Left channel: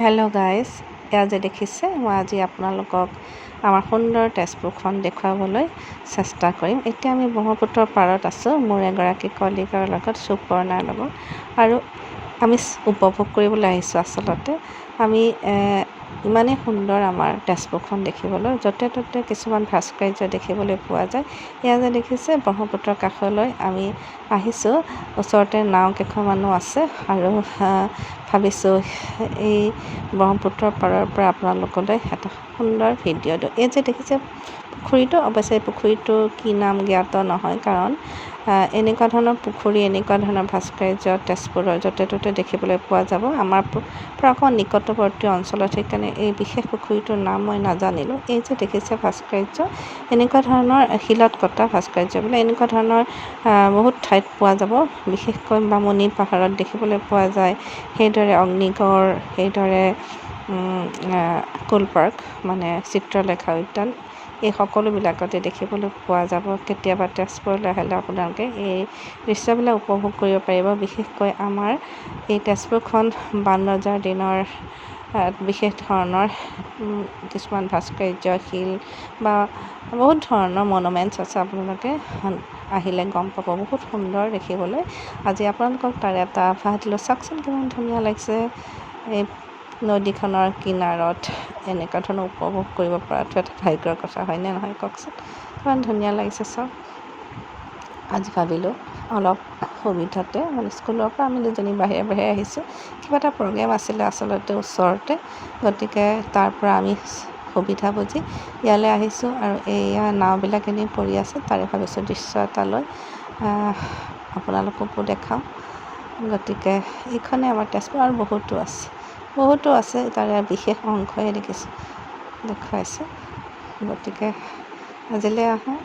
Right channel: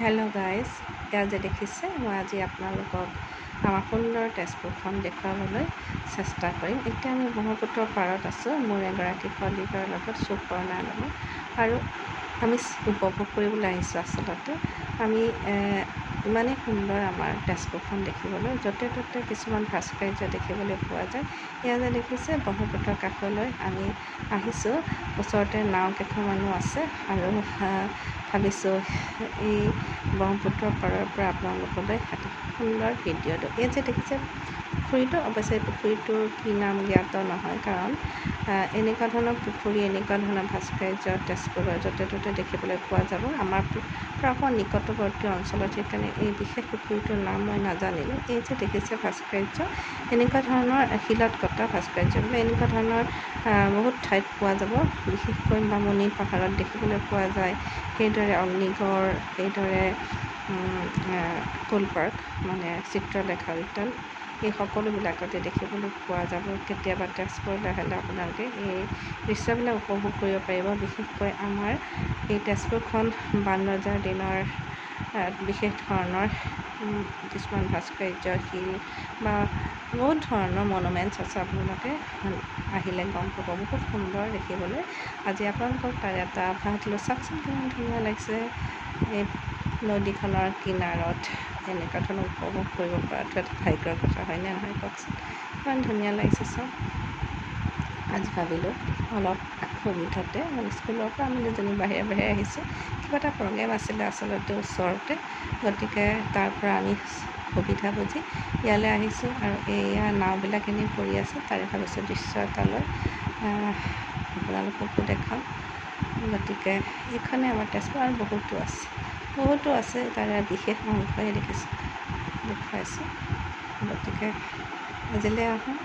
Hello' guys, এয়া যে দেখিছে মই আজি আপোনালোকক আমাৰ সুন্দৰ তেজপুৰখন দেখুৱাবলৈ চেষ্টা কৰিম। এতিয়া আমি ব্ৰহ্মপুত্ৰৰ পাৰত আছোঁ মোৰ এগৰাকী কলিগাৰ লগত, সুপৰ্ণাৰ লগত, আৰু আমি উপভোগ কৰিবলৈ আহিছোঁ। আচলতে আমি ইমানেই সুন্দৰ আমাৰ তেজপুৰখন দেখিবলৈ, য'তে ত'তে কিছুমান ভাস্কৰ্য দেখিবলৈ পোৱা যায়। এয়া যে দেখিছে ব্ৰহ্মপুত্ৰৰ কাষলৈ আমি আহিছোঁ, ওচৰতে নাও কেইখনমানো আছে, আৰু ভাবিছোঁ এই ব্ৰহ্মপুত্ৰৰ পাৰৰ পৰা আপোনালোকলৈ এটা সুন্দৰ ভিডিঅ' দিওঁ। এই যে দেখিছে পুখুৰীটো, অৱশ্যে পুখুৰীটো কি নাম জ্ঞাত নহয়, কাৰণ এনেকুৱা ধৰণৰ পুখুৰী, এনেকুৱা ধৰণৰ ভাস্কৰ্য তেজপুৰৰ য'তে ত'তে দেখিবলৈ পোৱা যাব। আমাৰ পৰা অকণ নিকটৱৰ্তী অঞ্চলত, সেইকাৰণে এই বিশেষ পুখুৰীটোৰ নাম মই নাজানিলোঁ। এই যে দেখিছে ভাস্কৰ্য, এনেকুৱা ধৰণৰ শিলত কটা ভাস্কৰ্যবিলাক এনেকুৱা ধৰণৰ বহুত ঠাইত পোৱা যাব, বিশেষকৈ বামুণী পাহাৰত দেখিবলৈ পোৱা যায়। সেইদৰে অগ্নিগড়, সেইদৰে কোলপাৰ্ক মানে চিত্ৰলেখা উদ্যান, এই সকলোবিলাকতে দেখিবলৈ পোৱা যাব। কেতিয়াবা তেজপুৰলৈ আহিলে আপোনালোকে এই দৃশ্যবিলাক উপভোগ কৰিব পাৰিব। বিশেষকৈ আমাৰ এই তেজপুৰখন বাণৰজাৰ দিনৰ বিশেষ ধৰণৰ কিছুমান ভাস্কৰ্য, শিল বা বহুত ধৰণৰ মনুমেণ্টছ আছে। আপোনালোকে আহিলে গম পাব, বহুত সুন্দৰ দেখিবলৈ। আজি আপোনালোকক তাৰ এটা আভাস দিলোঁ। চাওকচোন কিমান ধুনীয়া লাগিছে। এই নদীখনৰ কিনাৰত এনেকুৱা ধৰণৰ উপভোগ কৰিব পৰাটো এটা ভাগ্যৰ কথা, হয়নে নহয় কওকচোন? ইমান ধুনীয়া লাগিছে চাওক। আজি ভাবিলোঁ অলপ সুবিধাতে, মানে স্কুলৰ পৰা আমি দুজনী বাহিৰে আহিছোঁ, কিবা এটা প্ৰগ্ৰেম আছিলে আচলতে ওচৰতে, গতিকে তাৰ পৰা আমি সুবিধা বুজি ইয়ালৈ আহিছোঁ। আৰু এয়া নাওবিলাক এনেই পৰি আছে, তাৰে ভাবিছোঁ দৃশ্য এটা লৈ আপোনালোককো দেখাওঁ। গতিকে এইখনেই আমাৰ তেজপুৰ, আৰু বহুতো আছে তাৰে বিশেষ অংশই দেখুৱাইছোঁ। গতিকে আজিলৈ আহোঁ।